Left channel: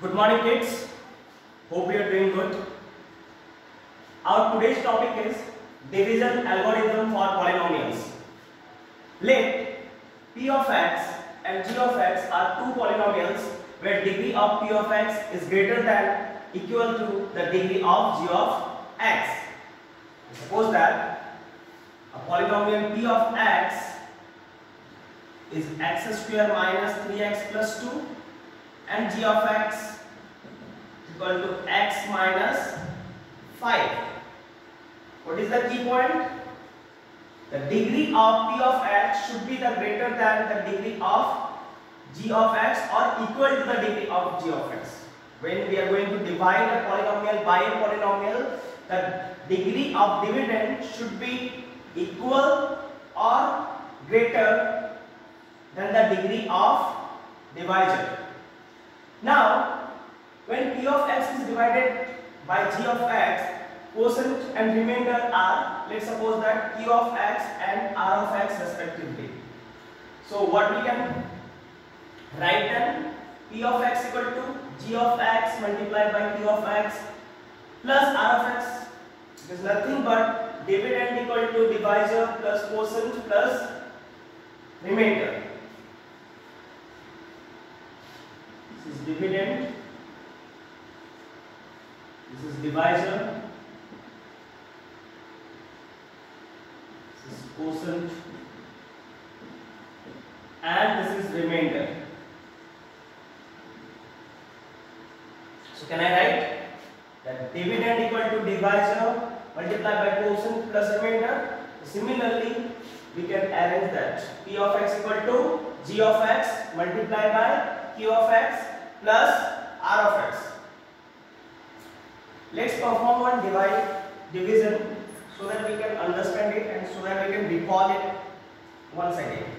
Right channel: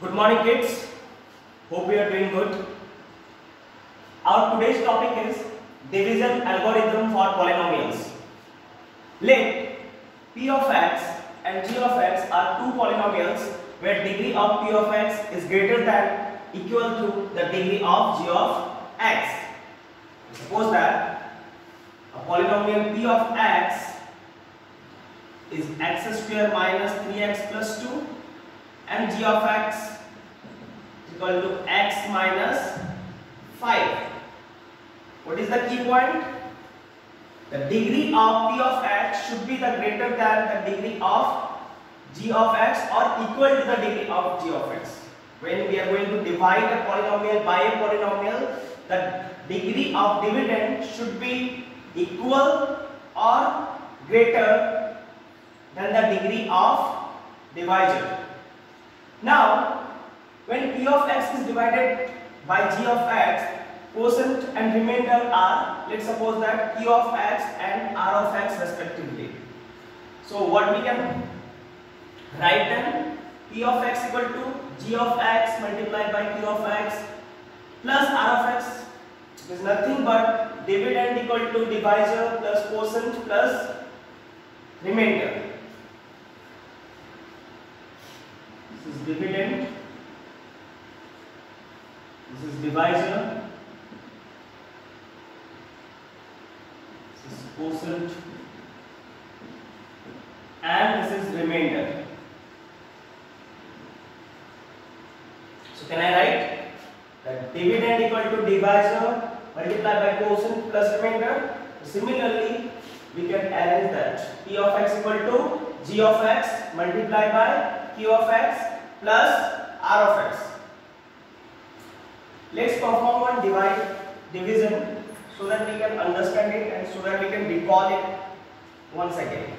Good morning kids, hope you are doing good. Our today's topic is division algorithm for polynomials. Let p of x and g of x are two polynomials where degree of p of x is greater than equal to the degree of g of x. Suppose that a polynomial p of x is x square minus 3x plus 2 and g of x equal to x minus 5. What is the key point? The degree of p of x should be the greater than the degree of g of x or equal to the degree of g of x. When we are going to divide a polynomial by a polynomial, the degree of dividend should be equal or greater than the degree of divisor. Now, when p of x is divided by g of x, quotient and remainder are, let's suppose that q of x and r of x respectively. So what we can write then? P of x equal to g of x multiplied by q of x plus r of x is nothing but dividend equal to divisor plus quotient plus remainder. This is dividend, this is divisor, this is quotient, and this is remainder. So can I write that dividend equal to divisor multiplied by quotient plus remainder? Similarly, we can arrange that p of x equal to g of x multiplied by q of x plus r of x. Let's perform one division so that we can understand it and so that we can recall it once again.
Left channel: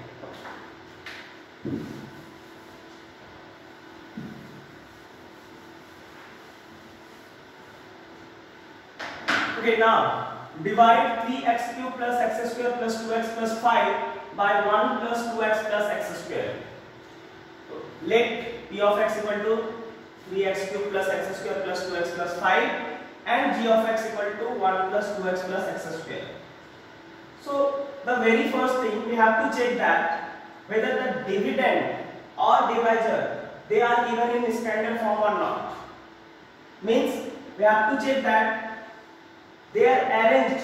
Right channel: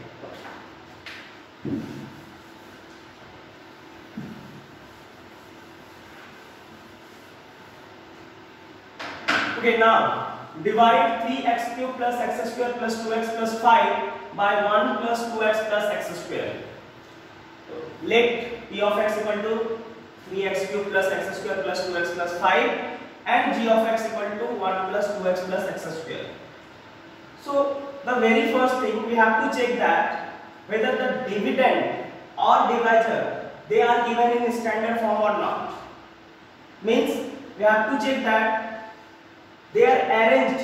Okay, now divide 3x cube plus x square plus 2x plus 5 by 1 plus 2x plus x square. Let p of x equal to 3x cube plus x square plus 2x plus 5 and g of x equal to 1 plus 2x plus x square. So the very first thing we have to check that whether the dividend or divisor they are given in standard form or not. Means we have to check that they are arranged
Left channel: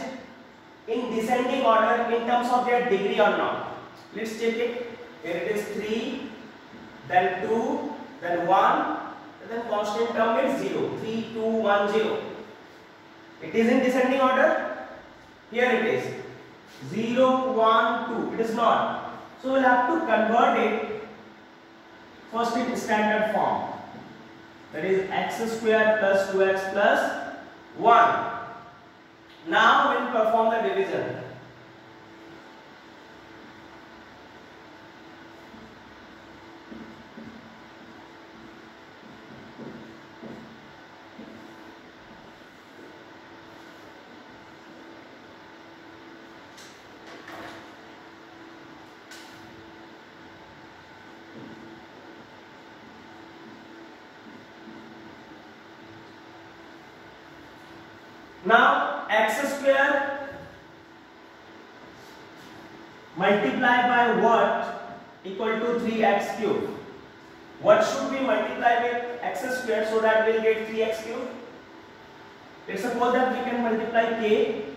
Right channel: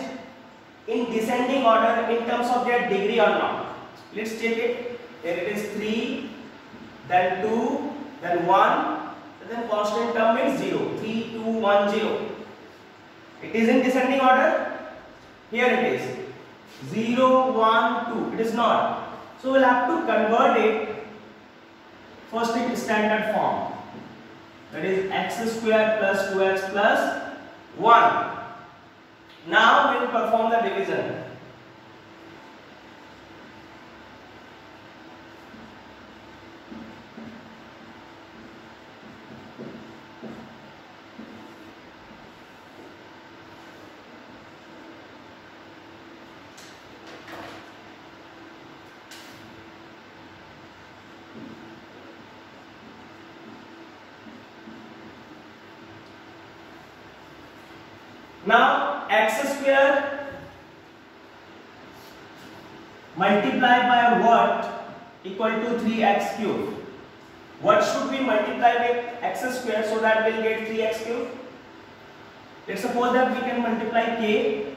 in descending order in terms of their degree or not. Let's check it. Here it is 3, then 2, then 1, and then constant term is 0. 3, 2, 1, 0. It is in descending order. Here it is 0, 1, 2. It is not. So we'll have to convert it first in standard form. That is x square plus 2x plus 1. Now we will perform the division. Now x square multiplied by what equal to 3x cube. What should we multiply with x square so that we'll get 3x cube? Let's suppose that we can multiply k,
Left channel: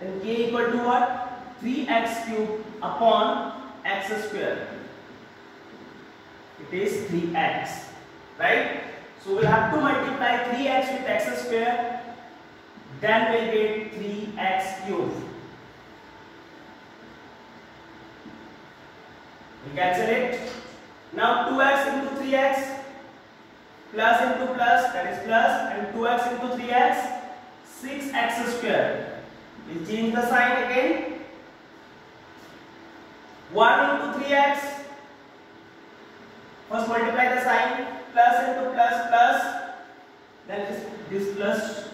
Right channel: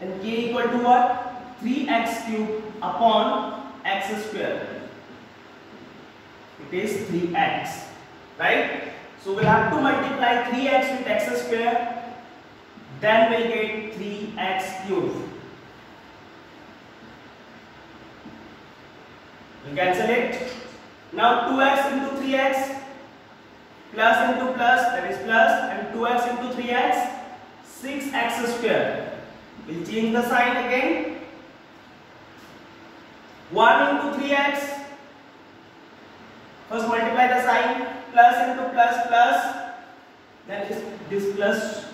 and k equal to what? 3x cube upon x square. It is 3x, right? So we'll have to multiply 3x with x square. Then we'll get 3x cube. We cancel it. Now 2x into 3x plus into plus, that is plus, and 2x into 3x, 6x square. We'll change the sign again. 1 into 3x. First multiply the sign, plus into plus plus, then this plus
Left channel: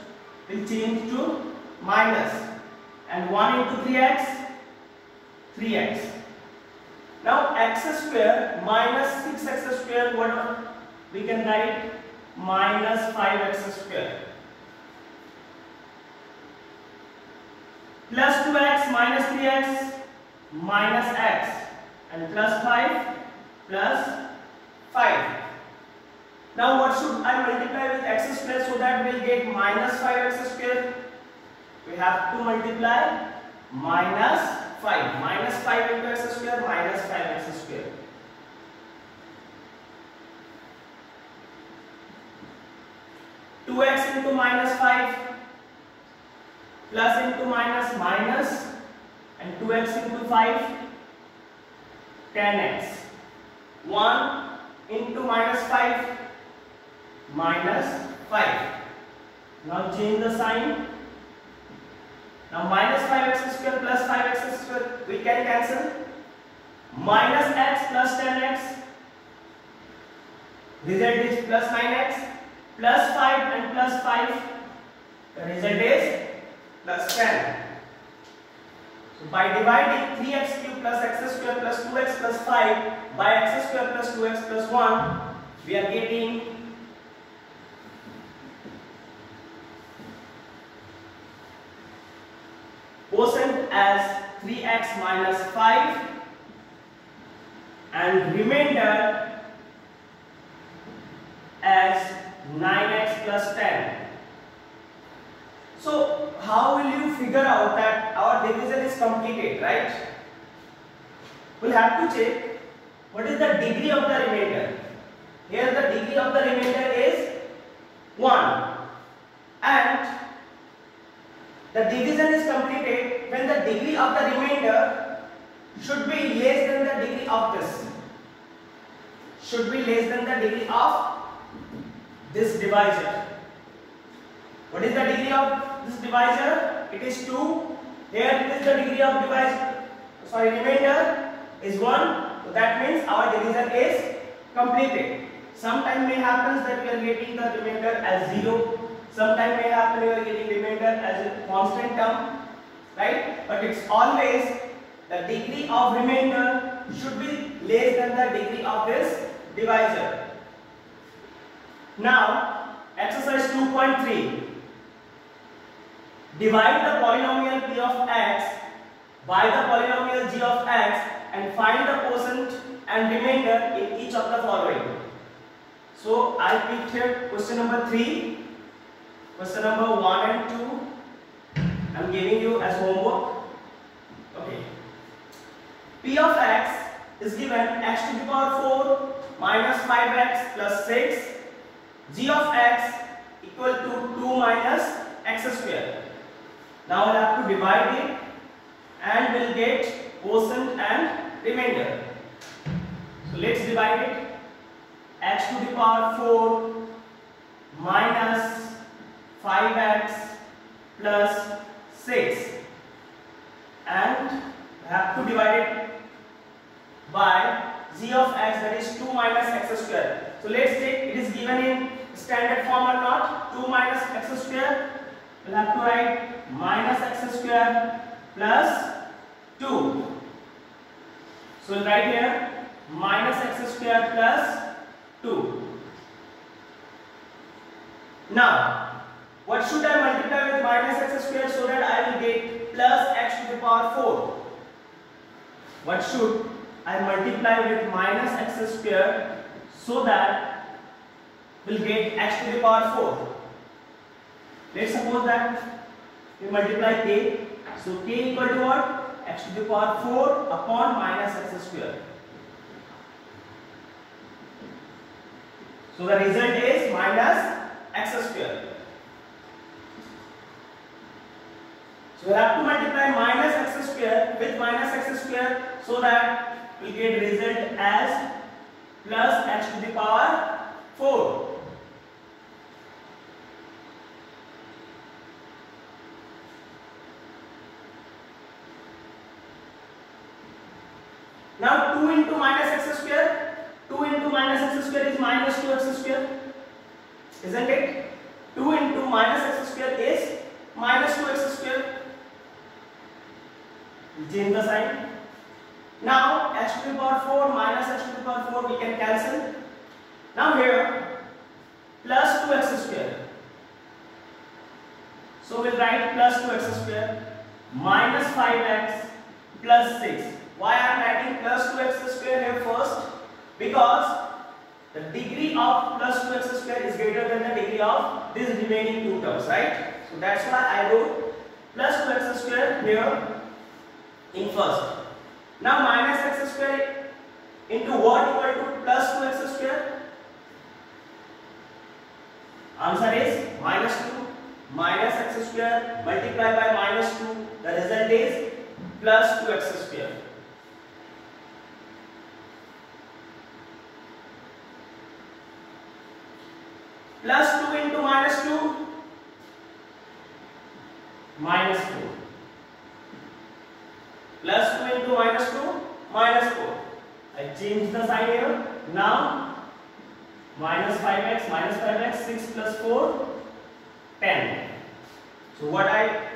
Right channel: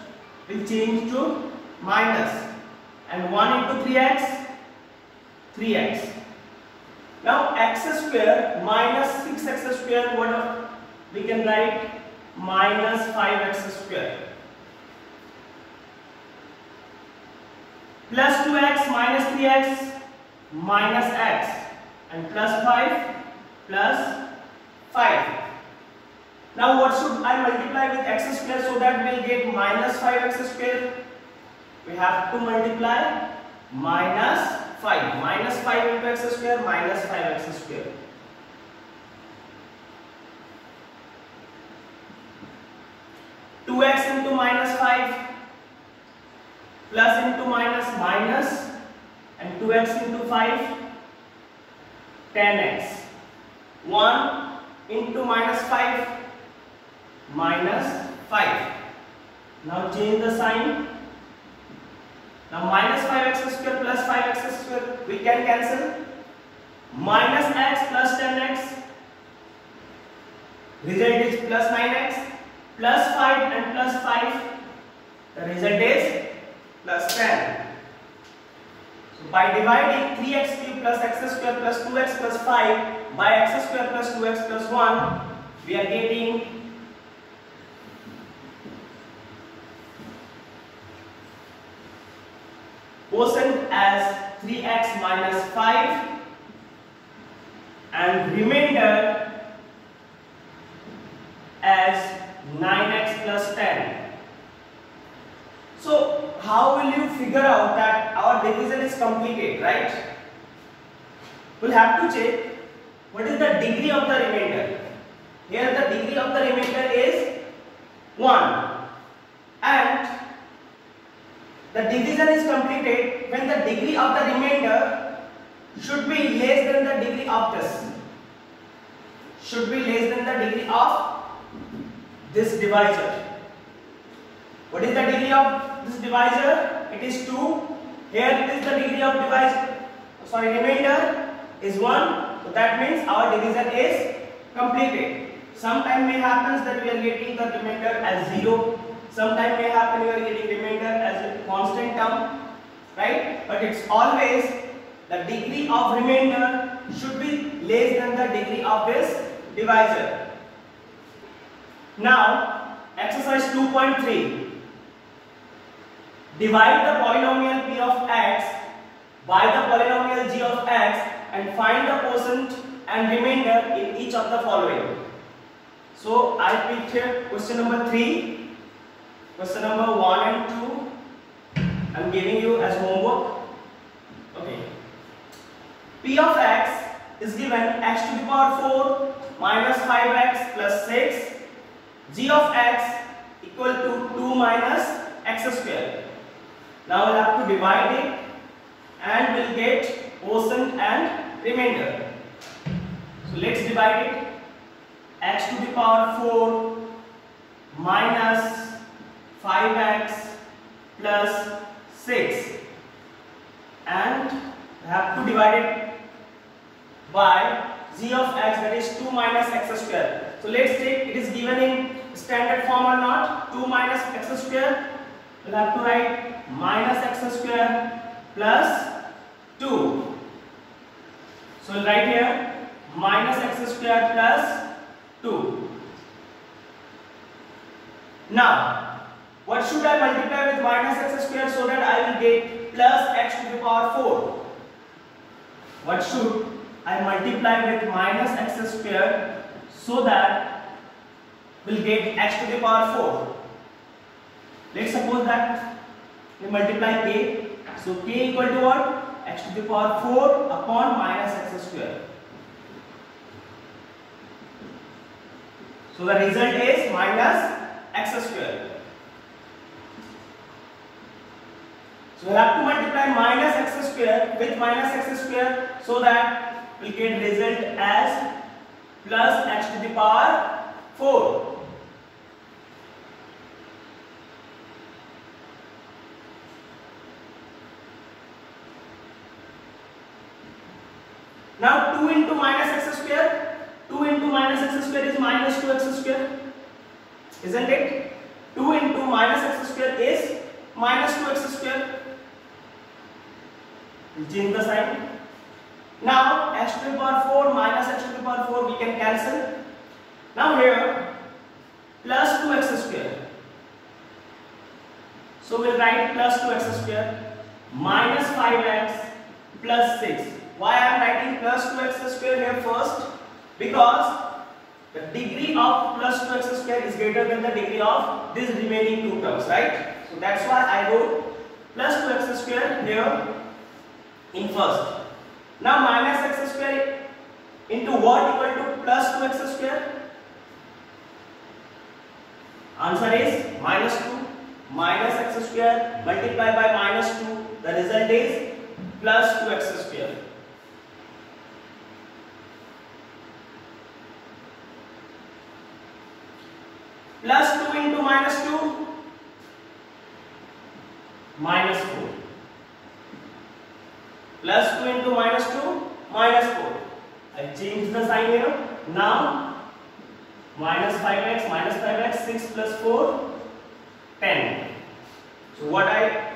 will change to minus, and 1 into 3x, 3x. Now x square minus 6x square, what we can write minus 5x square plus 2x minus 3x minus x and plus 5 plus 5. Now what should I multiply with x square so that we will get minus 5x square? We have to multiply minus 5. Minus 5 into x square minus 5x square. Two x into minus 5 plus into minus minus and 2x into 5 10x. 1 into minus 5 minus 5. Now change the sign. Now minus 5x square plus 5x square we can cancel. Minus x plus 10x. Result is plus 9x. Plus 5 and plus 5. The result is plus 10. So by dividing 3x cube plus x square plus 2x plus 5 by x square plus 2x plus 1, we are getting quotient as 3x minus 5 and remainder as 9x plus 10. So how will you figure out that our division is completed, right? We'll have to check what is the degree of the remainder. Here the degree of the remainder is 1 and the division is completed when the degree of the remainder should be less than the degree of this. Should be less than the degree of this divisor. What is the degree of this divisor? It is 2. Here it is the degree of remainder is 1. So that means our division is completed. Sometime may happen that we are getting the remainder as 0. Sometime may happen we are getting remainder as a constant term, right? But it's always the degree of remainder should be less than the degree of this divisor. Now, exercise 2.3. Divide the polynomial p of x by the polynomial g of x and find the quotient and remainder in each of the following. So, I picked here question number 3, question number 1 and 2. I am giving you as homework. Okay. P of x is given x to the power 4 minus 5x plus 6. G of x equal to 2 minus x square. Now we'll have to divide it and we'll get quotient and remainder. So let's divide it. X to the power 4 minus 5x plus 6 and we have to divide it by g of x, that is 2 minus x square. So let's take it is given in standard form or not. 2 minus x square. We'll have to write minus x square plus 2. So we'll write here minus x square plus 2. Now, what should I multiply with minus x square so that I will get plus x to the power 4? What should I multiply with minus x square so that we'll get x to the power 4? Let's suppose that we multiply k. So k equal to what? X to the power 4 upon minus x square. So the result is minus x square. So we have to multiply minus x square with minus x square so that we get result as plus x to the power 4. Now 2 into minus x square, 2 into minus x square is minus 2x square, isn't it? 2 into minus x square is minus 2x square. We'll change the sign. Now x to the power 4 minus x to the power 4 we can cancel. Now here plus 2x square. So we'll write plus 2x square minus 5x plus 6. Why I am writing plus 2x square here first? Because the degree of plus 2x square is greater than the degree of these remaining two terms, right? So that's why I wrote plus 2x square here in first. Now minus x square into what equal to plus 2x square? Answer is minus 2. Minus x square multiplied by minus 2. The result is plus 2x square. Plus 2 into minus 2, minus 4. Plus 2 into minus 2, minus 4. I changed the sign here. Now minus 5x, 6 plus 4, 10. So what I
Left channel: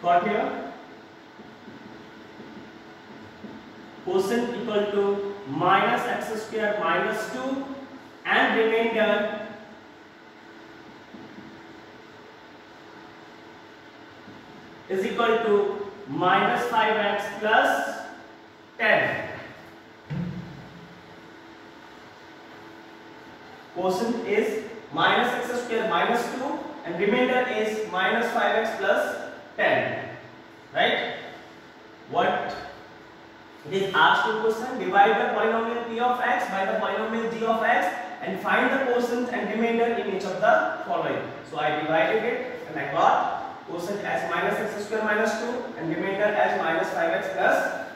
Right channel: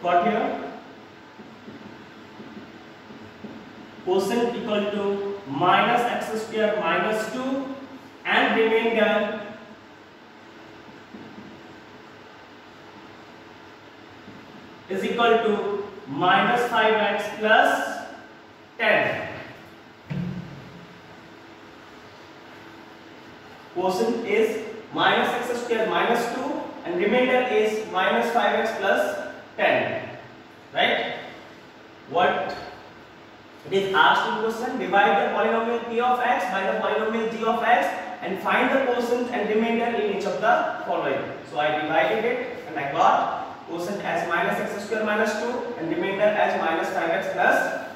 got here? Quotient equal to minus x square minus 2 and remainder is equal to minus 5x plus 10. Quotient is minus x square minus 2 and remainder is minus 5x plus 10. Right? What it is asked in question: divide the polynomial p of x by the polynomial g of x and find the quotient and remainder in each of the following. So I divided it and I got quotient as minus x square minus 2 and remainder as minus 5x plus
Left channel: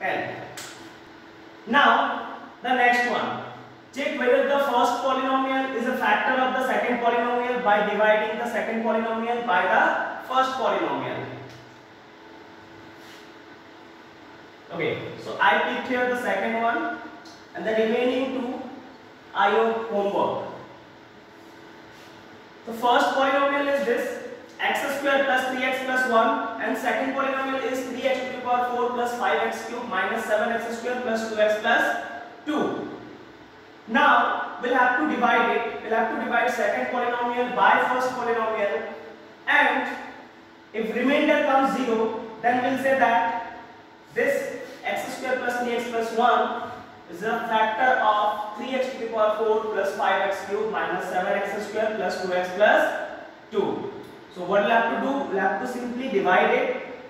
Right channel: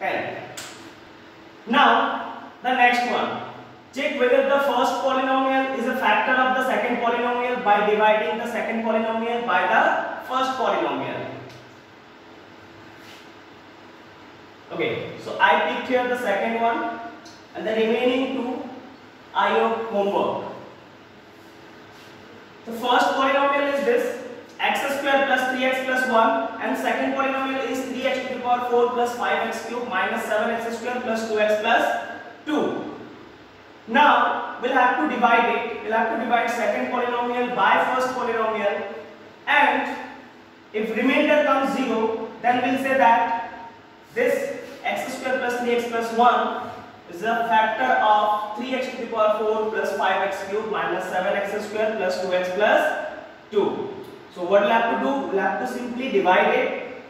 10. Now the next one. Check whether the first polynomial is a factor of the second polynomial by dividing the second polynomial by the first polynomial. Okay, so I picked here the second one and the remaining two are your homework. The first polynomial is this x square plus 3x plus 1 and second polynomial is 3x to the power 4 plus 5x cube minus 7x square plus 2x plus 2. Now we'll have to divide it. We'll have to divide second polynomial by first polynomial, and if remainder comes 0, then we'll say that this x square plus 3x plus 1 is a factor of 3x to the power 4 plus 5x cube minus 7x square plus 2x plus 2. So what we'll have to do? We'll have to simply divide it,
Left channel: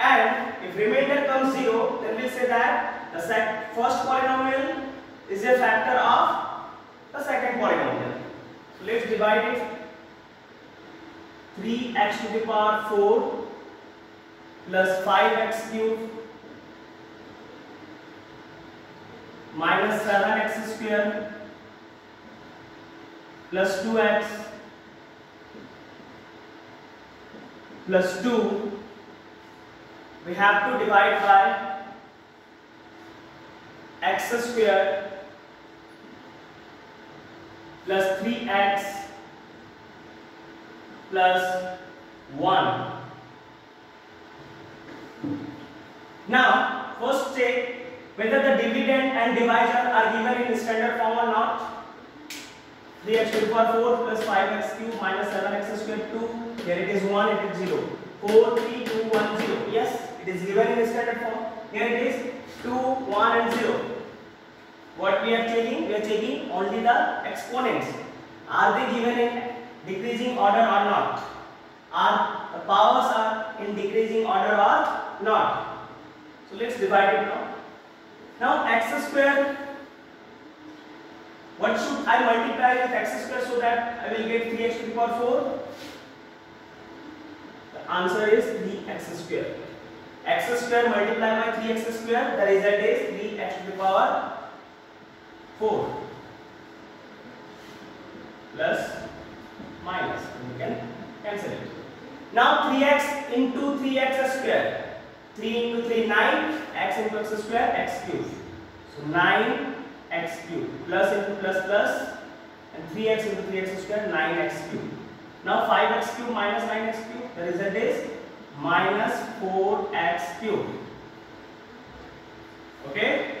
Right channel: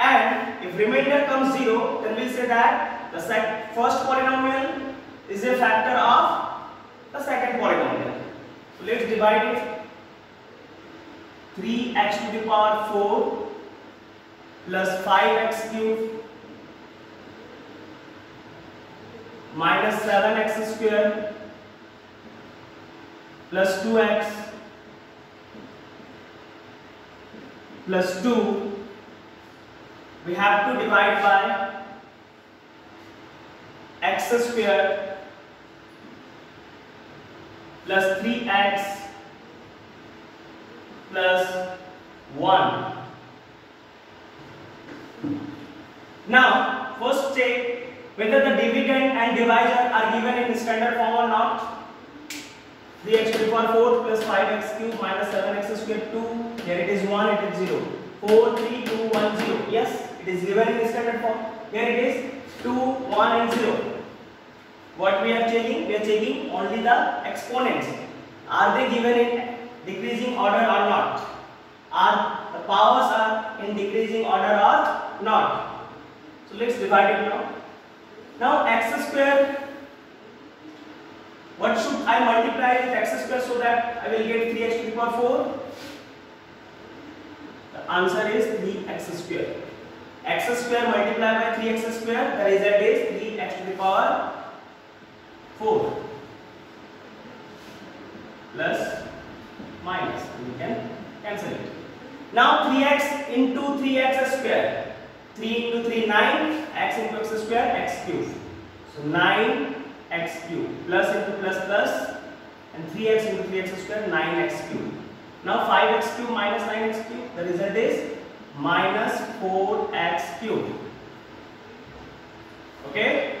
and if remainder comes 0, then we'll say that the first polynomial is a factor of the second polynomial. So let's divide it. 3x to the power 4 plus 5x cube minus 7x square plus 2x plus 2. We have to divide by x square plus 3x plus 1. Now first check whether the dividend and divisor are given in standard form or not. 3x to the power 4 plus 5x cube minus 7x square 2. Here it is 1, it is 0. 4, 3, 2, 1, 0. Yes, it is given in standard form. Here it is 2, 1 and 0. What we are checking? We are checking only the exponents. Are they given in decreasing order or not? Are the powers are in decreasing order or not? So let's divide it now. Now x square, what should I multiply with x square so that I will get 3x to the power 4? The answer is 3x square. X square multiplied by 3x square, the result is 3x to the power 4 plus minus. We can cancel it. Now 3x into 3x square. 3 into 3, 9, x into x square, x cube. So 9x cube plus into plus plus and 3x into 3x square, 9x cube. Now 5x cube minus 9x cube, the result is minus 4x cube. Okay.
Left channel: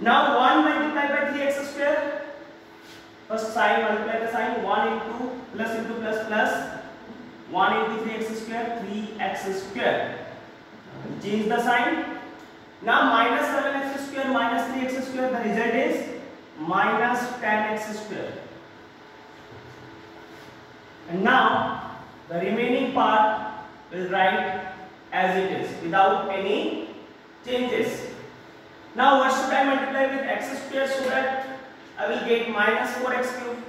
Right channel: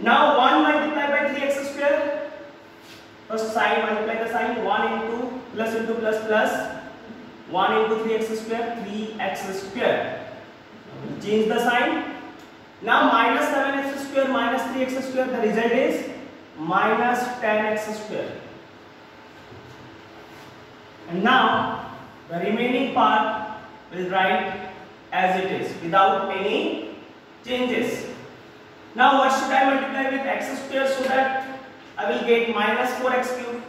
Now 1 multiplied by 3x square. First sign, multiply the sign. 1 into plus plus 1 into 3x square, 3x square. Change the sign. Now minus 7x square minus 3x square, the result is minus 10x square. And now the remaining part will write as it is without any changes. Now what should I multiply with x square so that I will get minus 4x cube?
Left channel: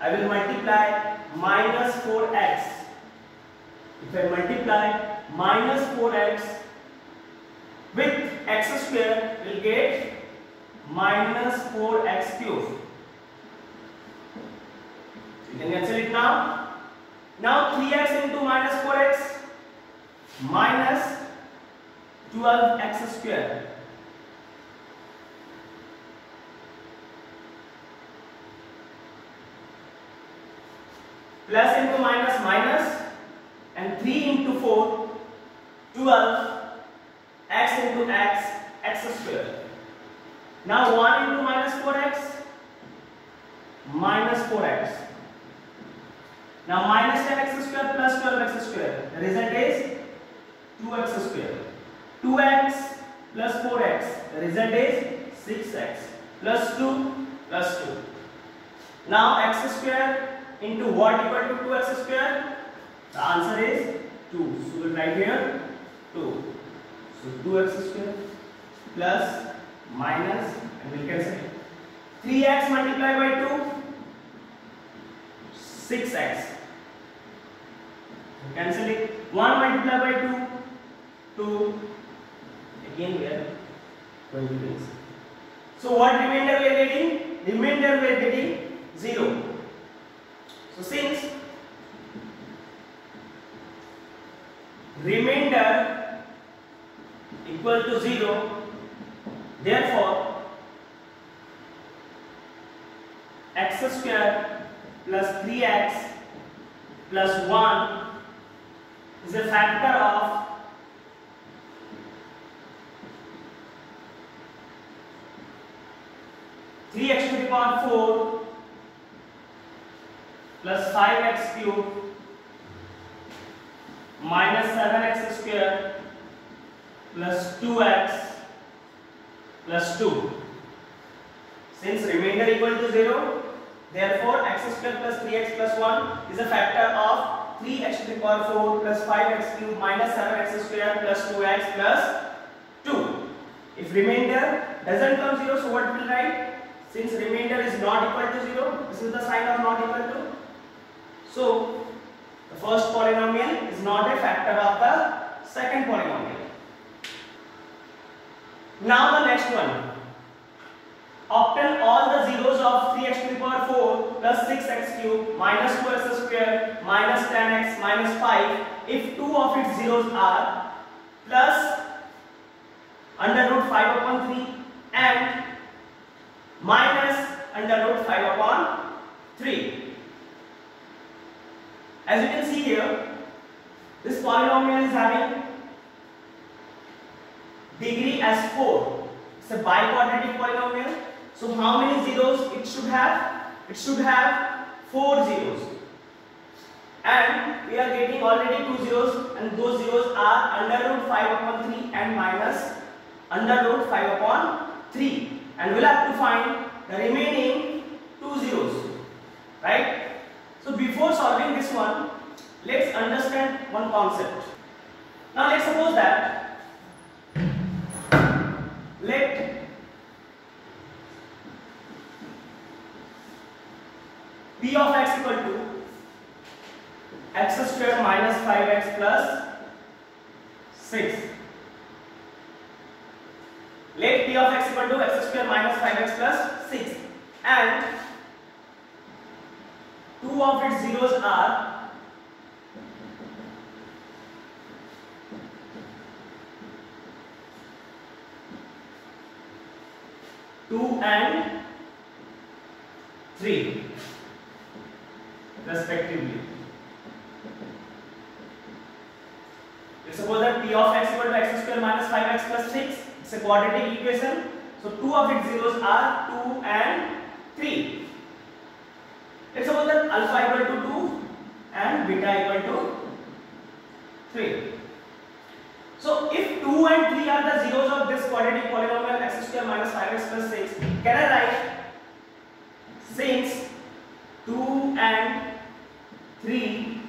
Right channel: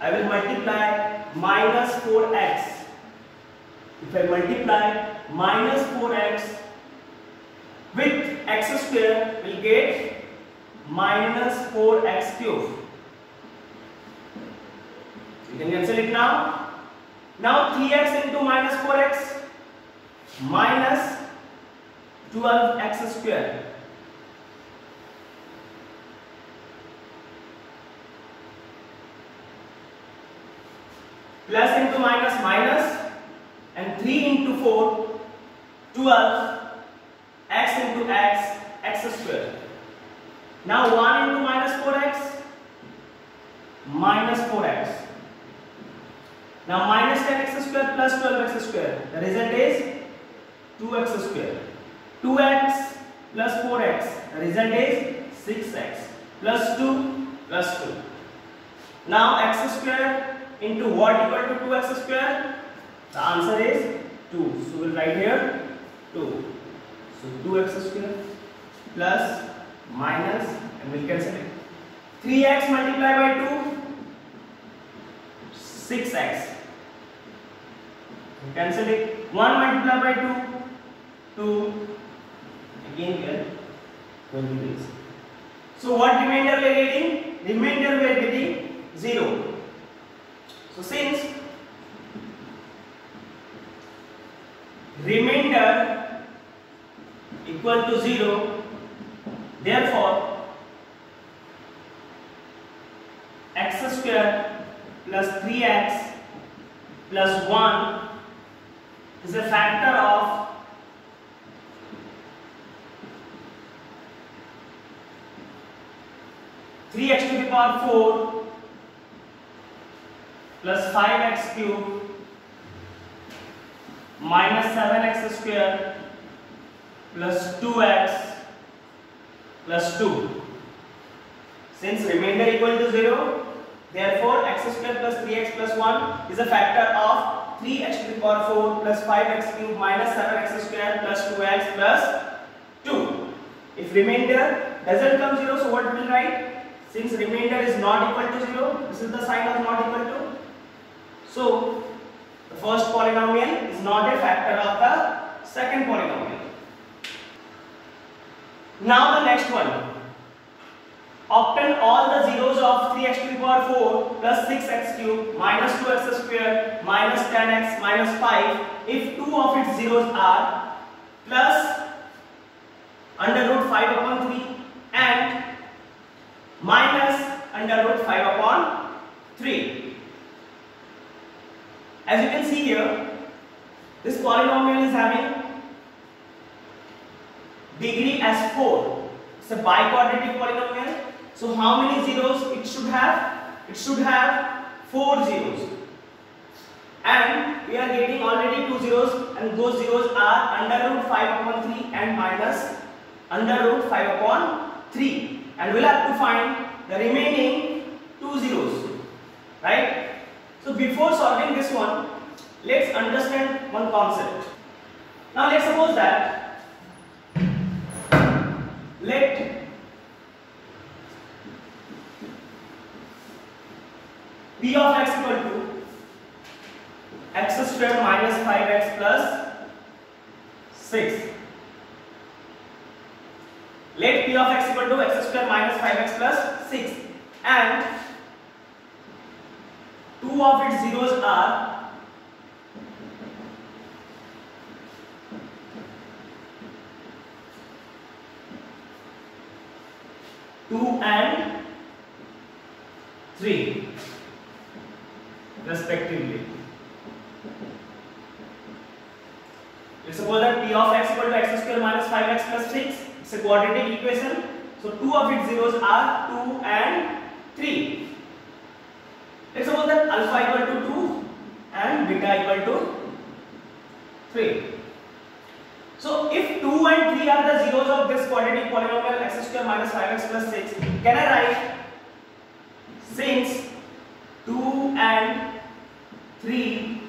I will multiply minus 4x. If I multiply minus 4x with x square, we will get minus 4x cube. You can cancel it now. Now 3x into minus 4x minus 12x square. Plus into minus minus, and 3 into 4, 12, x into x, x square. Now 1 into minus 4x, minus 4x. Now minus 10x square plus 12x square. The result is 2x square. 2x plus 4x. The result is 6x plus 2 plus 2. Now x square into what equal to 2x square? The answer is 2. So we will write here 2. So 2x square plus minus, and we will cancel it. 3x multiplied by 2, 6x. Cancel it. 1 multiplied by 2, 2. Again here 20 days. So what remainder we are getting? Remainder we are getting 0. So since remainder equal to 0, therefore x square plus 3x plus 1 is a factor of three x to the power 4 plus 5x cube minus 7x square plus 2x plus 2. Since remainder equal to 0, therefore x square plus 3x plus 1 is a factor of 3x to the power 4 plus 5x cube minus 7x square plus 2x plus 2. If remainder doesn't come 0, so what we will write? Since remainder is not equal to 0, this is the sign of not equal to. So the first polynomial is not a factor of the second polynomial. Now the next one. Obtain all the zeros of 3x to the power 4 plus 6x cube minus 2x square minus 10x minus 5 if two of its zeros are plus under root 5 upon 3 and minus under root 5 upon 3. As you can see here, this polynomial is having degree as 4. It's a biquadratic polynomial. So how many zeros it should have? It should have 4 zeros. And we are getting already 2 zeros, and those zeros are under root 5 upon 3 and minus under root 5 upon 3. And we'll have to find the remaining 2 zeros. Right? So before solving this one, let's understand one concept. Now let's suppose that let p of x equal to x squared minus 5x plus 6. Let p of x equal to x squared minus 5x plus 6 and two of its zeros are two and 3 respectively. Let's suppose that p of x equal to x square minus 5x plus 6. It's a quadratic equation. So two of its zeros are 2 and 3. alpha equal to 2 and beta equal to 3. So if 2 and 3 are the zeros of this quadratic polynomial x square minus 5x plus 6, can I write, since 2 and 3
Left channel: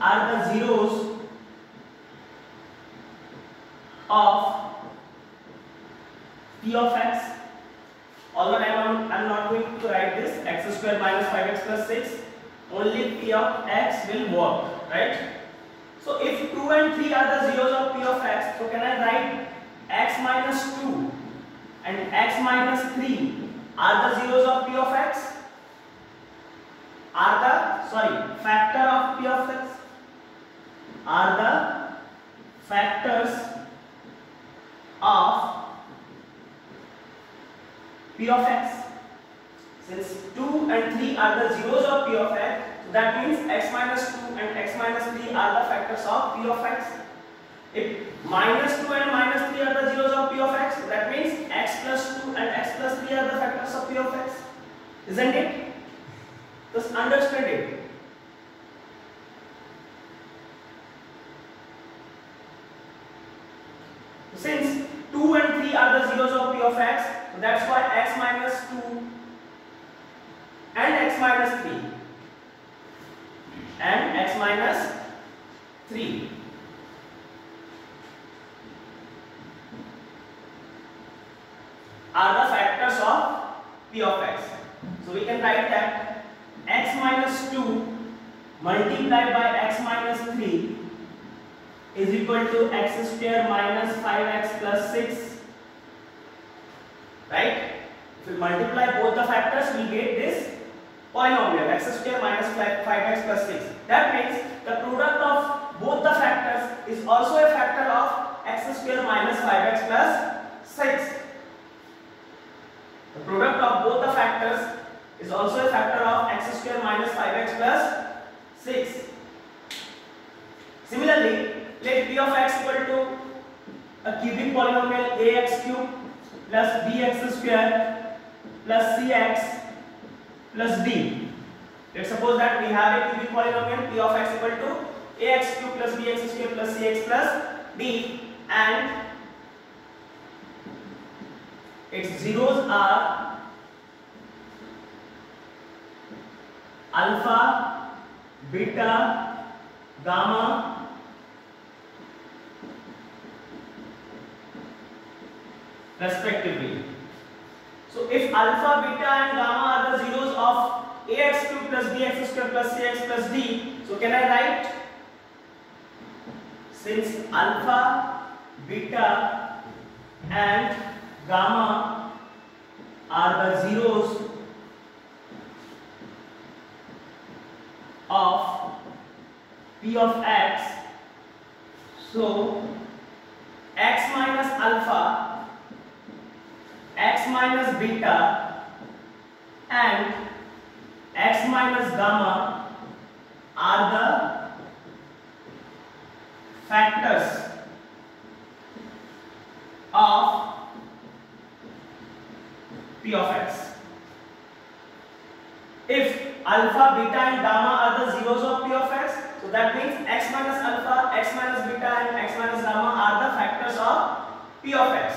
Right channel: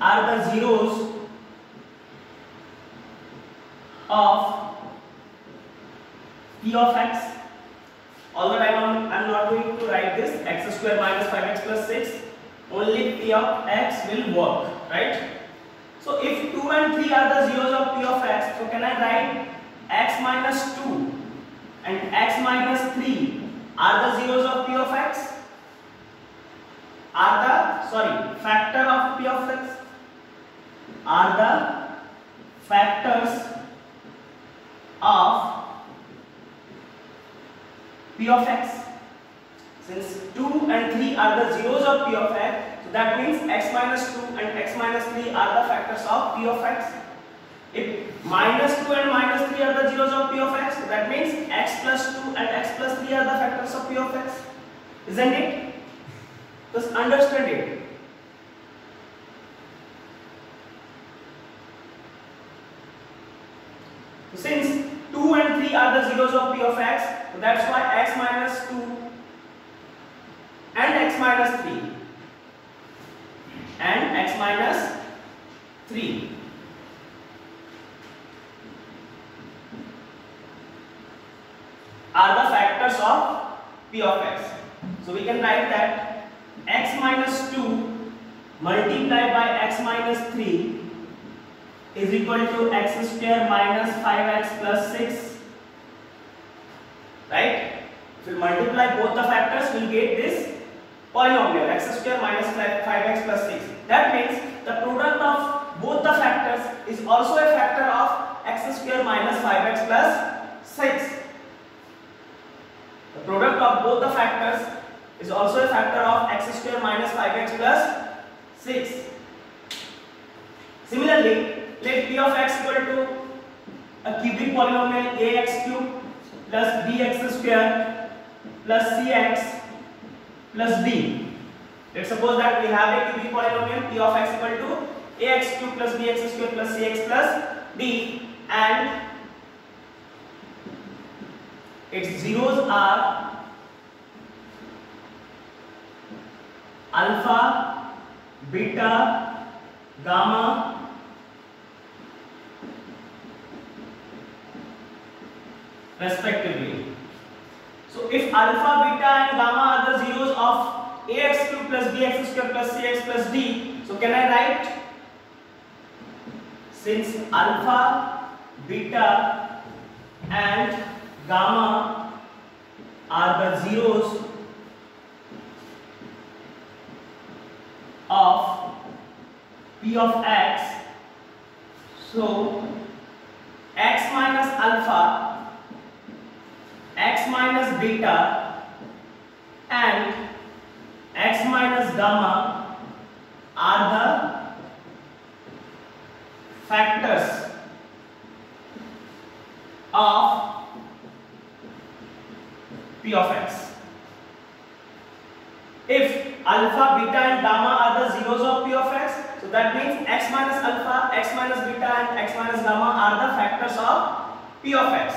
are the zeros of p of x, all the time I am not going to write this x square minus 5x plus 6, only p of x will work, right? So if 2 and 3 are the zeros of p of x, so can I write x minus 2 and x minus 3 are the zeros of p of x? Are the, factor of p of x? Are the factors of p of x? Since 2 and 3 are the zeros of p of x, so that means x minus 2 and x minus 3 are the factors of p of x. If minus 2 and minus 3 are the zeros of p of x, so that means x plus 2 and x plus 3 are the factors of p of x. Isn't it? Just understand it. Since 2 and 3 are the zeros of p of x, so that's why x minus 2 and x minus 3 and x minus 3 are the factors of p of x. So we can write that x minus 2 multiplied by x minus 3 is equal to x square minus 5x plus 6, right? If we multiply both the factors, we will get this polynomial x square minus 5x plus 6. That means the product of both the factors is also a factor of x square minus 5x plus 6. The product of both the factors is also a factor of x square minus 5x plus 6. Similarly, let p of x equal to a cubic polynomial ax cube plus bx square plus cx plus d. Let's suppose that we have a cubic polynomial p of x equal to ax cube plus bx square plus cx plus d, and its zeros are alpha, beta, gamma, respectively. So if alpha, beta and gamma are the zeros of ax cube plus bx square plus cx plus d, so can I write, since alpha, beta and gamma are the zeros of p of x, so x minus alpha, x minus beta and x minus gamma are the factors of p of x. If alpha, beta and gamma are the zeros of p of x, so that means x minus alpha, x minus beta and x minus gamma are the factors of p of x.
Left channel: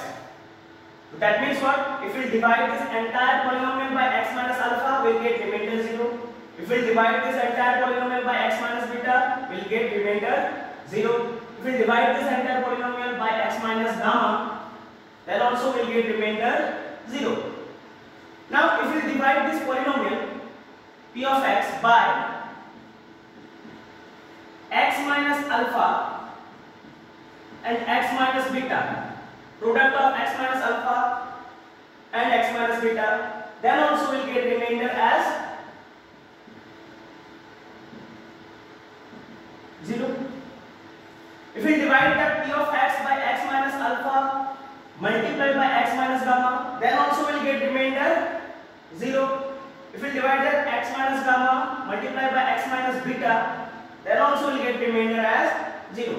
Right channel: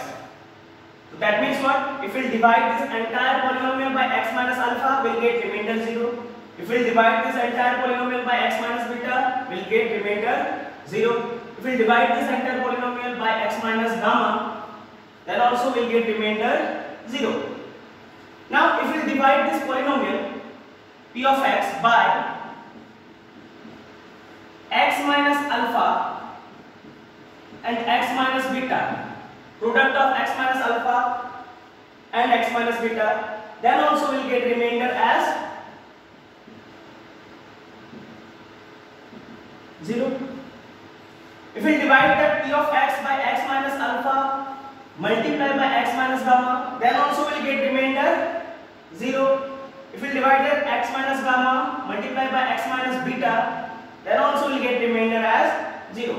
So that means what? If we divide this entire polynomial by x minus alpha, we will get remainder 0. If we divide this entire polynomial by x minus beta, we will get remainder 0. If we divide this entire polynomial by x minus gamma, then also we will get remainder 0. Now if we divide this polynomial p of x by x minus alpha and x minus beta, product of x minus alpha and x minus beta, then also we will get remainder as 0. If we divide that p of x by x minus alpha multiplied by x minus gamma, then also we will get remainder 0. If we divide that x minus gamma multiplied by x minus beta, then also we will get remainder as 0.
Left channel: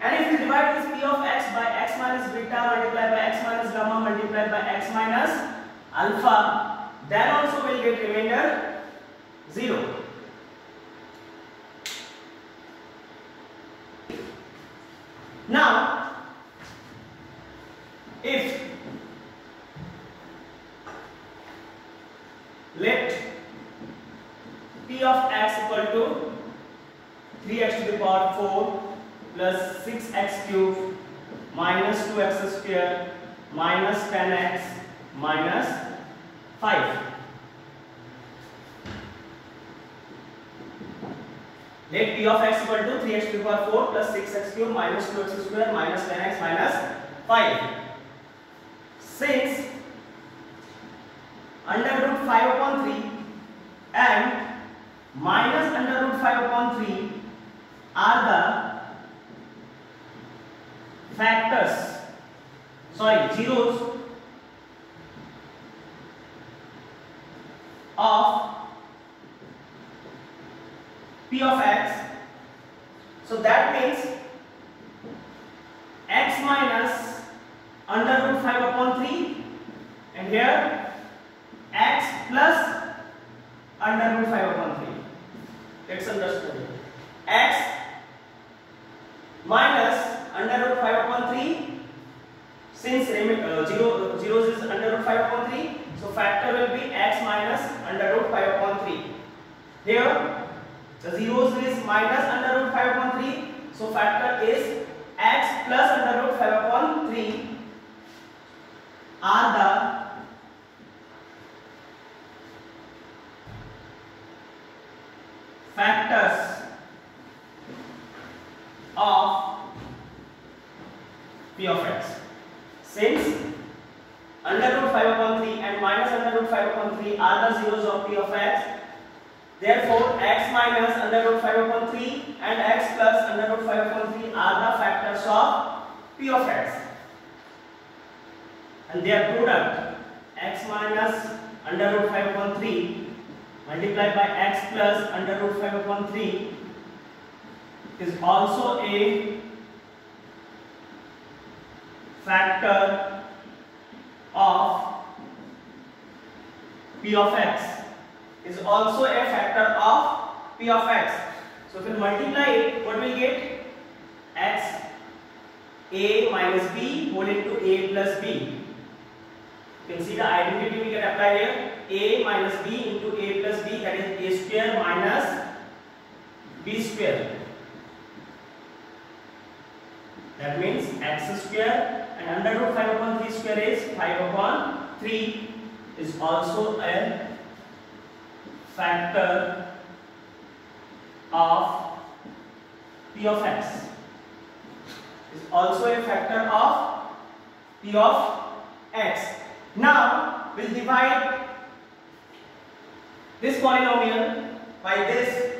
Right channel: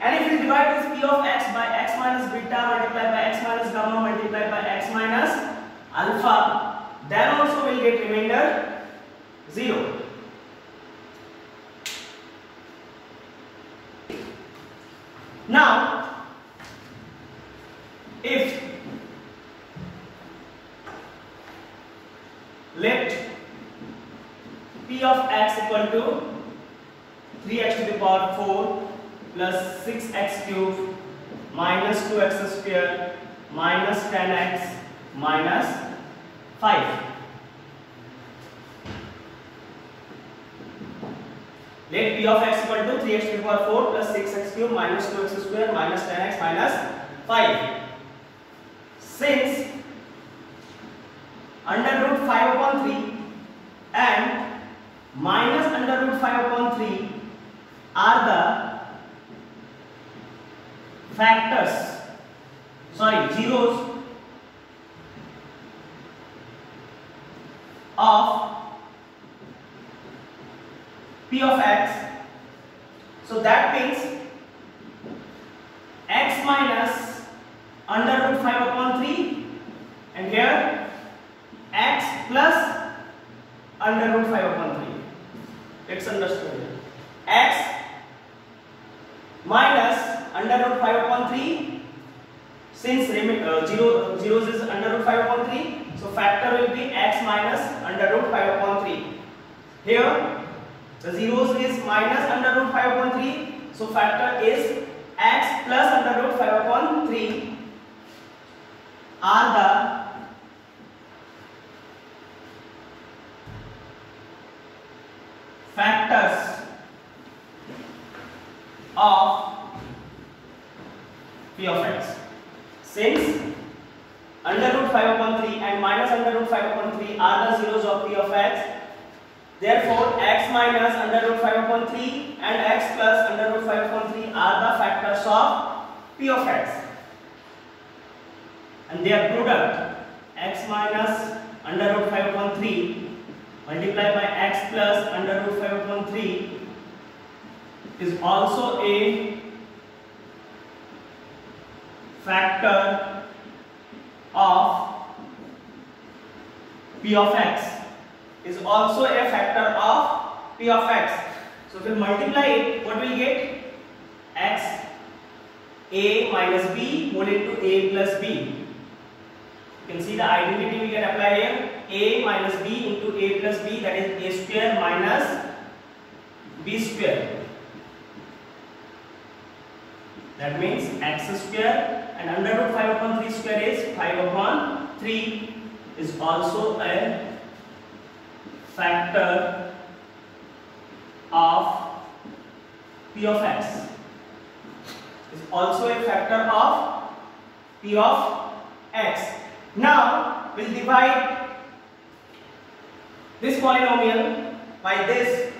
And if we divide this p of x by x minus beta multiplied by x minus gamma multiplied by x minus alpha, then also we will get remainder 0. Now, if let P of x equal to 3x to the power 4 plus 6x cube minus 2x square minus 10x minus 5. Let P of x equal to 3x to the power 4 plus 6x cube minus 2x square minus 10x minus 5. Since under root 5 upon 3 and minus under root 5 upon 3 are the factors, zeros of P of x, so that means x minus under root 5 upon 3 and here x plus under root 5 upon 3. Let's understand. X minus under root 5 upon 3, since zeros is under root 5 upon 3, so factor will be x minus under root 5 upon 3. Here the zeros is minus under root 5 upon 3, so factor is x plus under root 5 upon 3 are the factors of P of x. Since under root 5 upon 3 and minus under root 5 upon 3 are the zeros of P of x, therefore x minus under root 5 upon 3 and x plus under root 5 upon 3 are the factors of P of x, and their product x minus under root 5 upon 3 multiplied by x plus under root 5 upon 3 is also a factor of P of x, is also a factor of P of x. So if we multiply it, what will we get? X a minus b whole into a plus b. You can see the identity we can apply here. A minus b into a plus b, that is a square minus b square. That means x square and under root 5 upon 3 square is 5 upon 3 is also a factor of P of x. Is also a factor of P of x. Now we'll divide this polynomial by this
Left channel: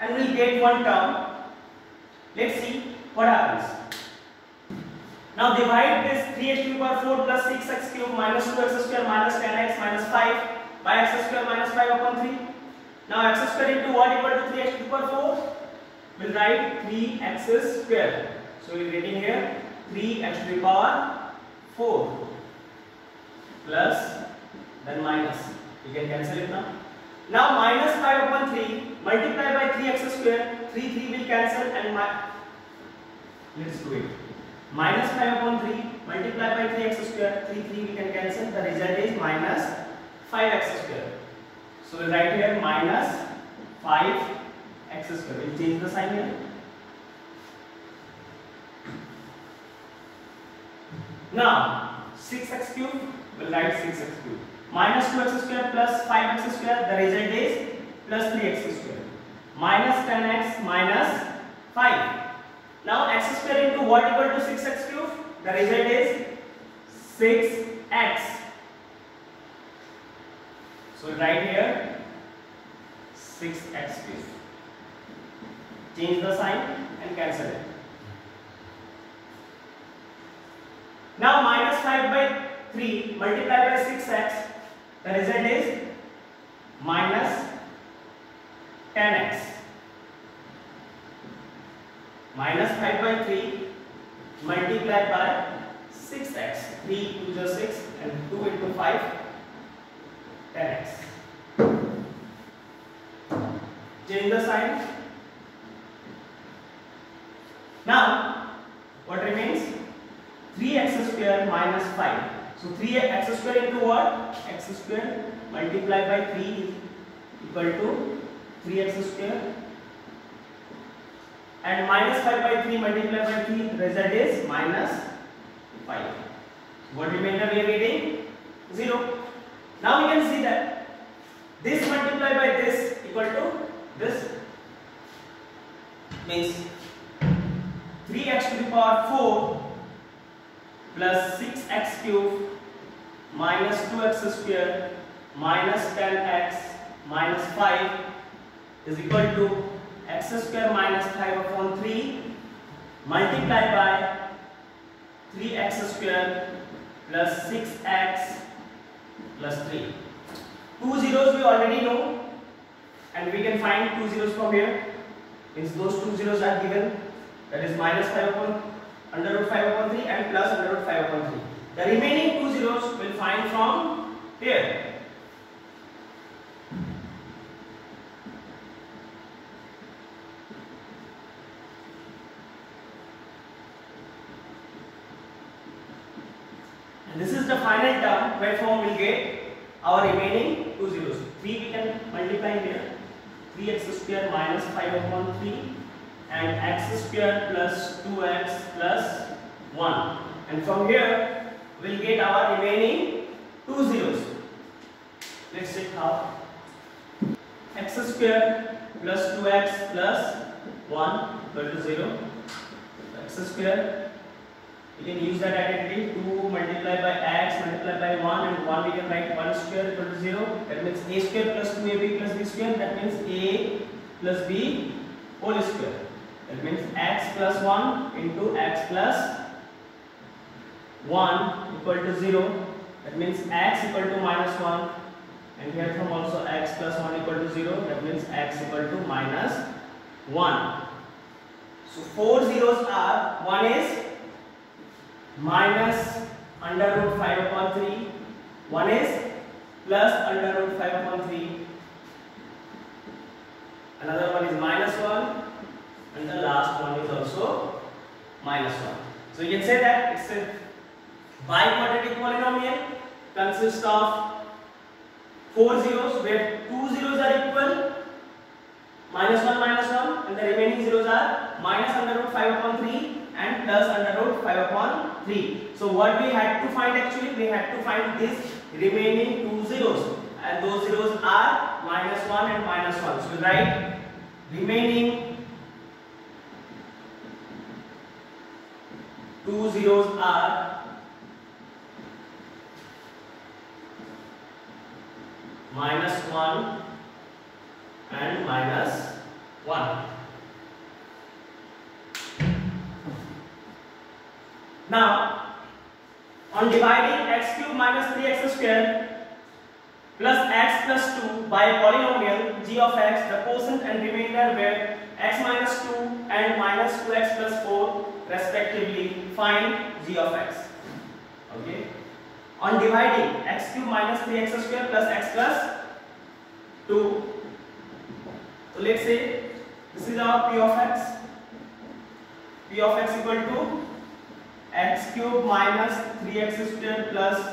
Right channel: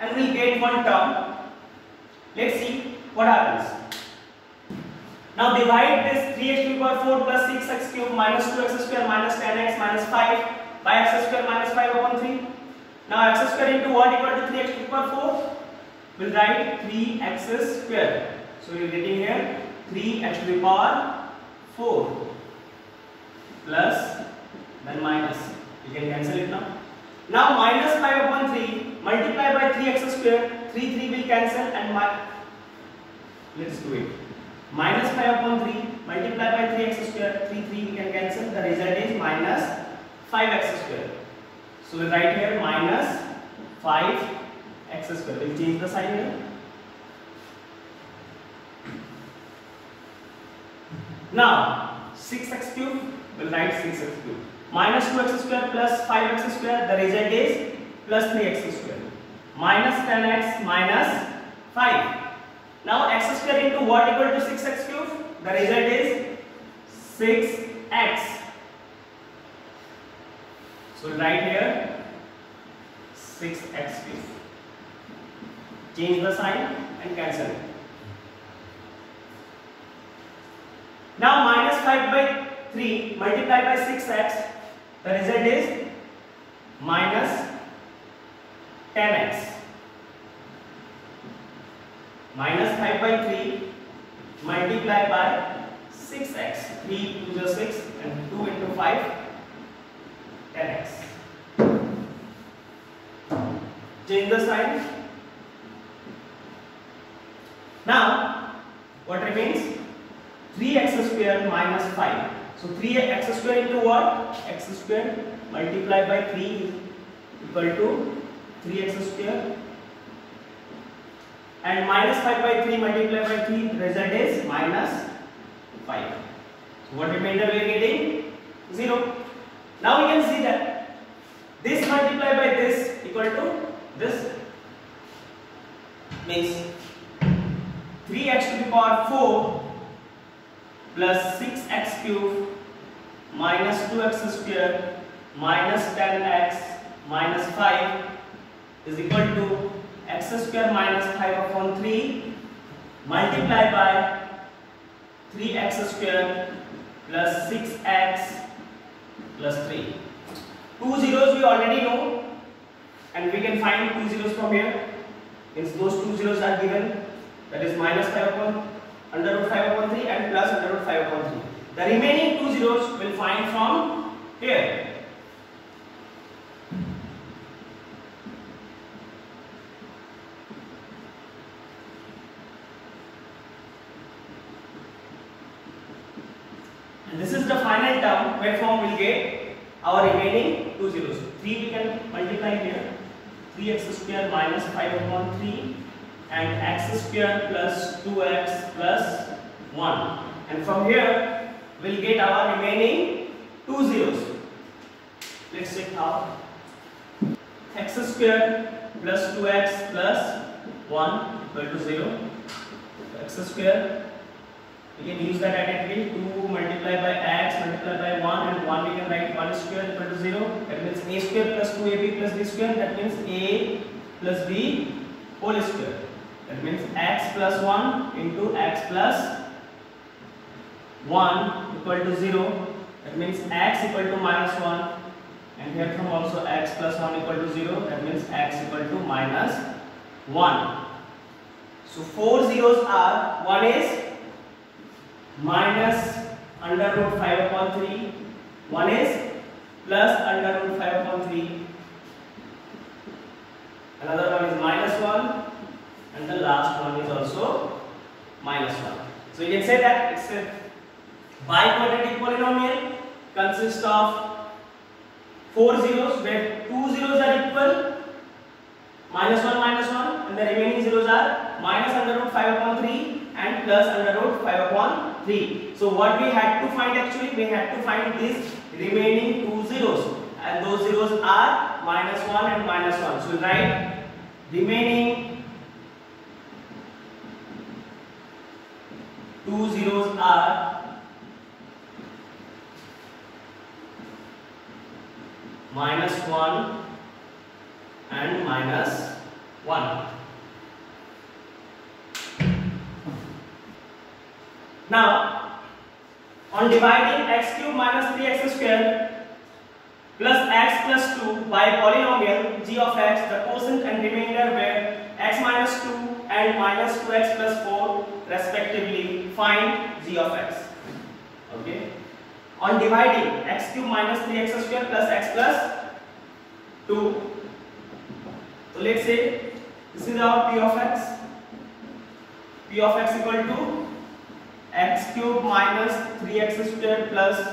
and we'll get one term. Let's see what happens. Now divide this 3x to the power 4 plus 6x cube minus 2x square minus 10x minus 5 by x square minus 5 upon 3. Now x square into what equal to 3x to the power 4? We'll write 3x square. So we are getting here 3x to the power 4 plus then minus. You can cancel it now. Now minus 5 upon 3 multiply by 3x square. 3 will cancel and let's do it. Minus 5 upon 3 multiply by 3x square. 3 we can cancel. The result is minus 5x square. So we write here minus 5x square. We'll change the sign here. Now 6x cube, we'll write 6x cube. Minus 2x square plus 5x square, the result is plus 3x square. Minus 10x minus 5. Now x square into what equal to 6x cube? The result is 6x. So write here 6x cube. Change the sign and cancel it. Now minus 5 by 3 multiplied by 6x, the result is minus 10x. Minus 5 by 3 multiplied by 6x. 3 to the 6 and 2 into 5, 10x. Change the sign. Now what remains? 5. So 3x square into what? X square multiplied by 3 is equal to 3x square, and minus 5 by 3 multiplied by 3, the result is minus 5. So what remainder we are getting? 0. Now we can see that this multiplied by this equal to this, means 3x to the power 4 plus 6x cube minus 2x square minus 10x minus 5 is equal to x square minus 5 upon 3 multiplied by 3x square plus 6x plus 3. Two zeros we already know, and we can find two zeros from here. Means those two zeros are given, that is minus 5 upon under root 5 upon 3 and plus under root 5 upon 3. The remaining two zeros will find from here. And this is the final term where form will get our remaining two zeros. 3 we can multiply here. 3x square minus 5 upon 3 and x square plus 2x plus 1. And from here we will get our remaining two zeros. Let's check how. X square plus 2x plus 1 equal to 0. So x square, we can use that identity, 2 multiplied by x multiplied by 1, and 1 we can write 1 square equal to 0. That means a square plus 2ab plus b square, that means a plus b whole square. That means x plus 1 into x plus 1 equal to 0. That means x equal to minus 1, and here from also x plus 1 equal to 0. That means x equal to minus 1. So 4 zeros are, one is minus under root 5 upon 3, one is plus under root 5 upon 3, another one is minus 1, and the last one is also minus 1. So you can say that it's a biquadratic polynomial, consists of 4 zeros where 2 zeros are equal, minus 1, and the remaining zeros are minus under root 5 upon 3 and plus under root 5 upon 3. So what we had to find, actually we had to find this remaining two zeros, and those zeros are minus 1 and minus 1. So we write remaining two zeros are minus 1 and minus 1. Now, on dividing x cube minus 3x square plus x plus 2 by a polynomial g of x, the quotient and remainder were x minus 2 and minus 2x plus 4 respectively, find g of x. Okay. On dividing x cube minus 3x square plus x plus 2, so let's say this is our p of x. P of x equal to x cube minus 3x square plus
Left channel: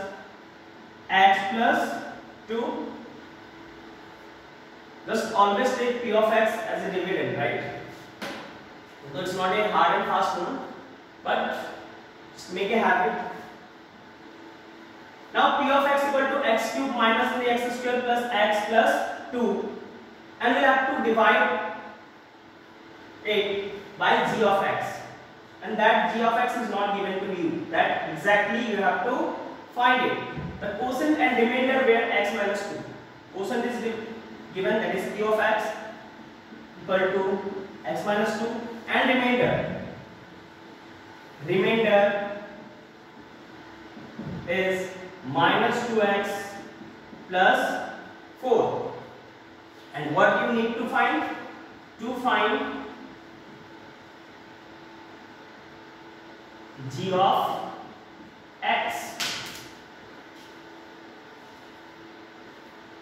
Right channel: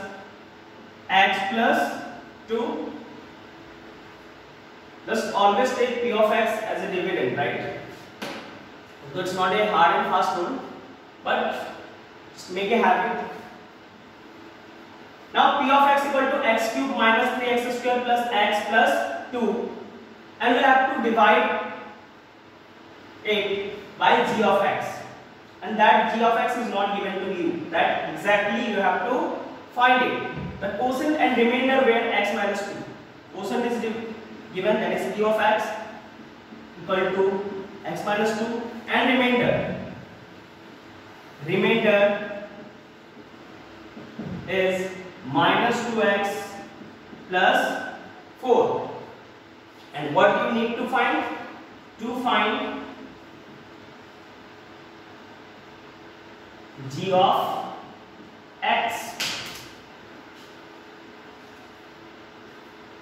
x plus 2. Just always take p of x as a dividend, right? So it's not a hard and fast rule, but just make a habit. Now p of x equal to x cube minus 3x square plus x plus 2, and we'll have to divide it by g of x. And that g of x is not given to you. That exactly you have to find it. The quotient and remainder were x minus 2. Quotient is given, that is q of x equal to x minus 2, and remainder is minus 2x plus 4. And what you need to find? To find g of x.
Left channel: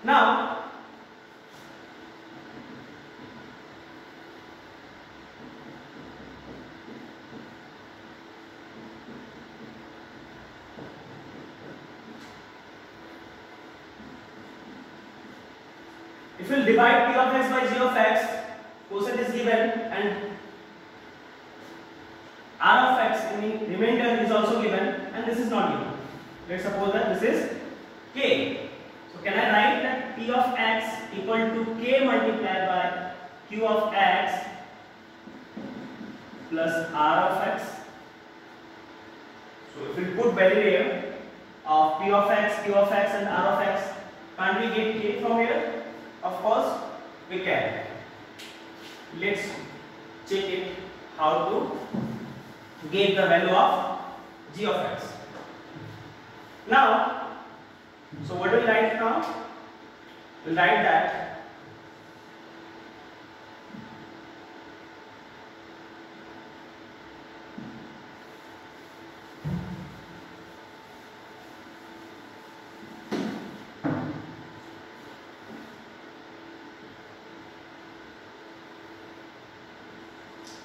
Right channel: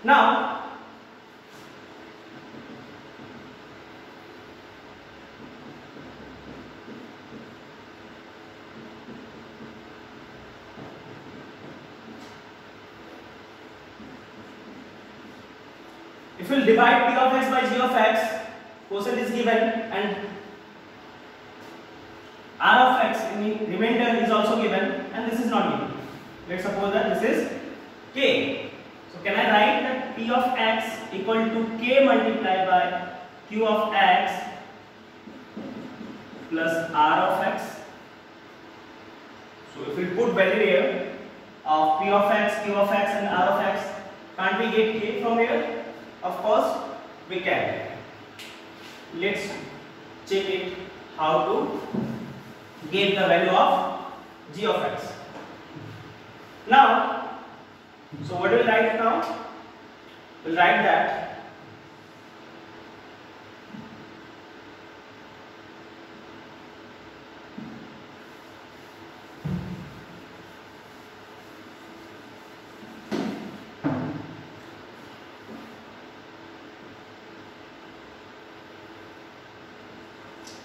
Now If you divide p of x by g of x, quotient is given and r of x in the remainder is also given, and this is not given. Let's suppose that this is k. So can I write that p of x equal to k multiplied by q of x plus r of x? So if we put value here of p of x, q of x and r of x, can't we get k from here? Of course we can. Let's check it how to get the value of g of x. Now, so what do we write now? We'll write that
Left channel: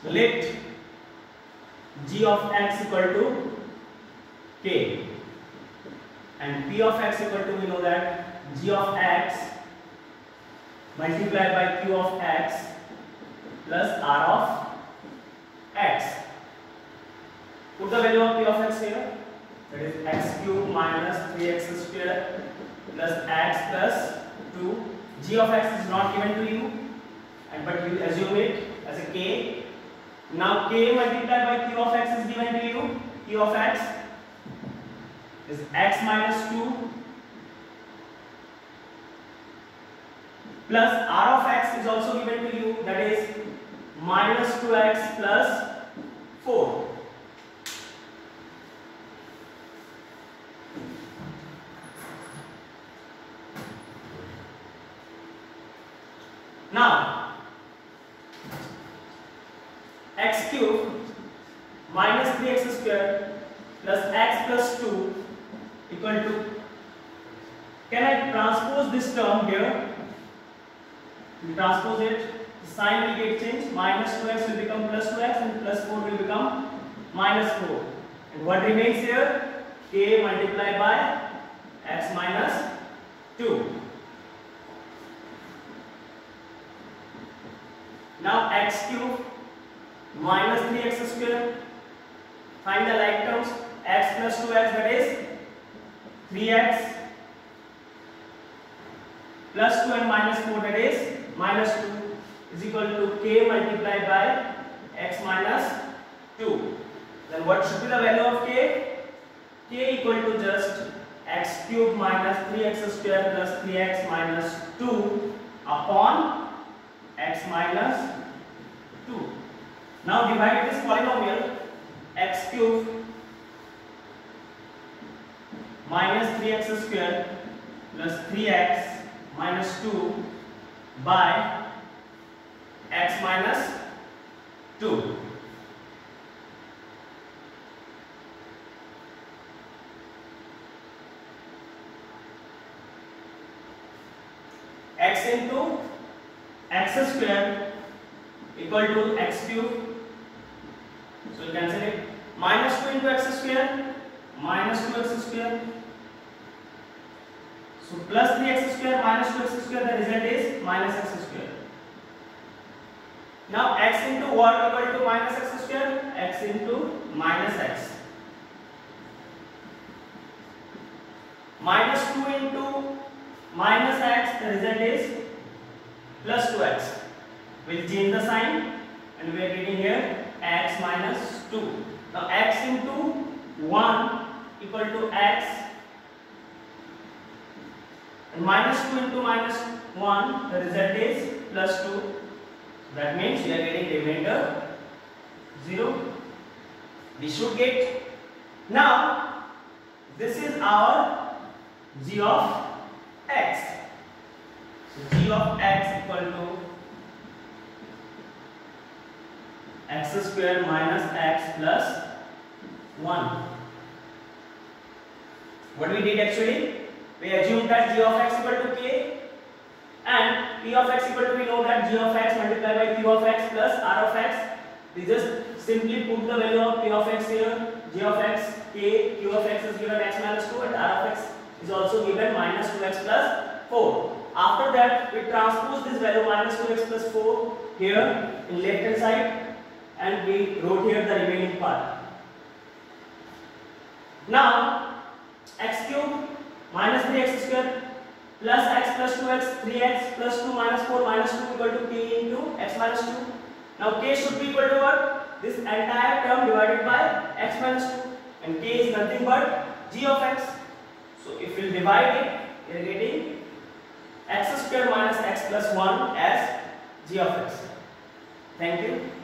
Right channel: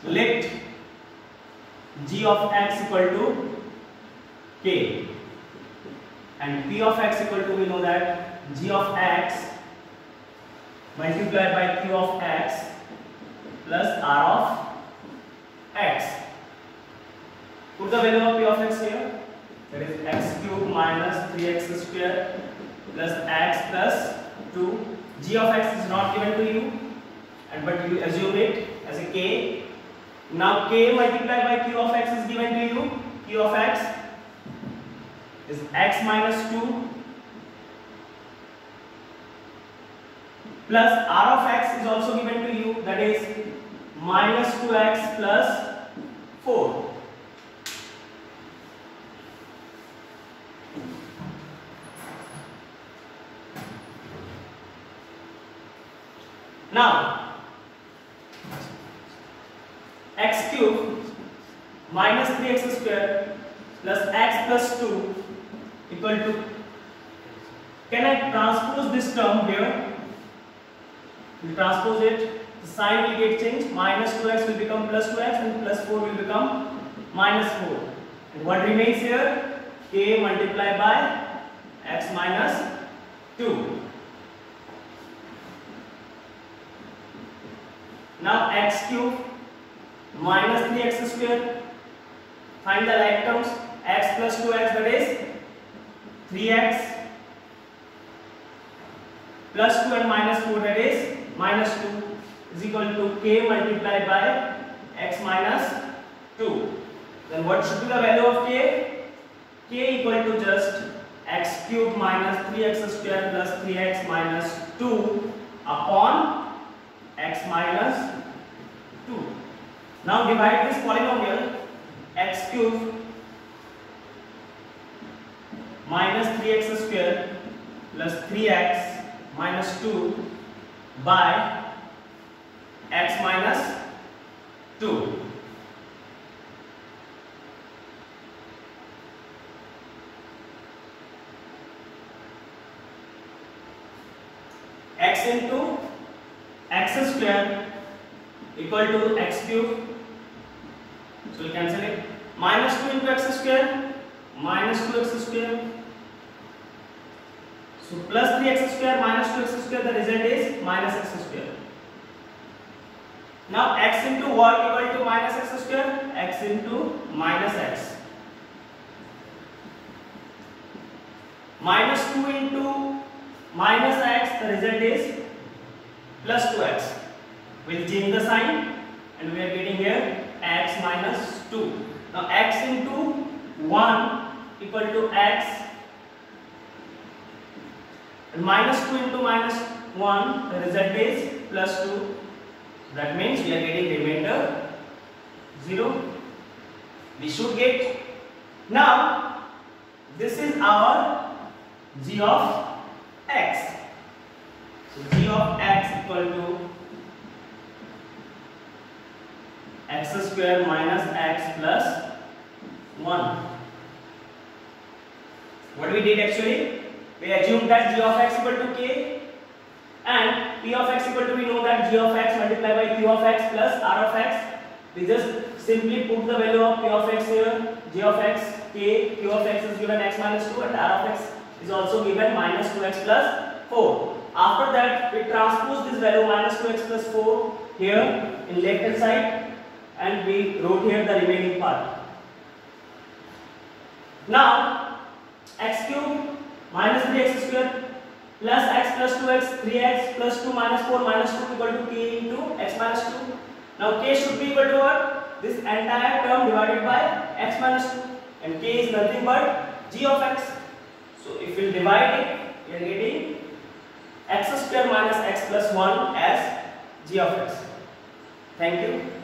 let g of x equal to k and p of x equal to, we know that g of x multiplied by q of x plus r of x. Put the value of p of x here, that is x cube minus 3x square plus x plus 2. G of x is not given to you, and but you assume it as a k. Now k multiplied by q of x is given to you. Q of x is x minus 2 plus r of x is also given to you, that is minus 2x plus 4. Now x cube minus 3x square plus x plus 2 equal to, can I transpose this term here? We transpose it, the sign will get changed, minus 2x will become plus 2x and plus 4 will become minus 4. And what remains here? K multiplied by x minus 2. Now x cube minus 3x square, find the like terms, x plus 2x, that is 3x plus 2 and minus 4, that is minus 2, is equal to k multiplied by x minus 2. Then what should be the value of k? K equal to just x cube minus 3x square plus 3x minus 2 upon x minus 2. Now divide this polynomial x cube minus 3x square plus 3x minus 2 by x minus 2. X into x square equal to x cube. So we cancel it. Minus 2 into x square, minus 2x square. So plus 3x square minus 2x square, the result is minus x square. Now x into what equal to minus x square? X into minus x. Minus 2 into minus x, the result is plus 2x. We'll change the sign and we are getting here x minus 2. Now x into 1 equal to x, and minus 2 into minus 1, the result is plus 2. That means we are getting remainder 0. We should get. Now this is our g of x. So g of x equal to x square minus x plus 1. What we did actually? We assumed that g of x equal to k and p of x equal to, we know that g of x multiplied by q of x plus r of x. We just simply put the value of p of x here, g of x, k, q of x is given x minus 2 and r of x is also given minus 2x plus 4. after that we transpose this value minus 2x plus 4 here in left hand side and we wrote here the remaining part. Now x cube minus 3x square plus x plus 2x 3x plus 2 minus 4 minus 2 equal to k into x minus 2. Now k should be equal to what? This entire term divided by x minus 2, and k is nothing but g of x. So if we divide it, we are getting x square minus x plus 1 as g of x. Thank you.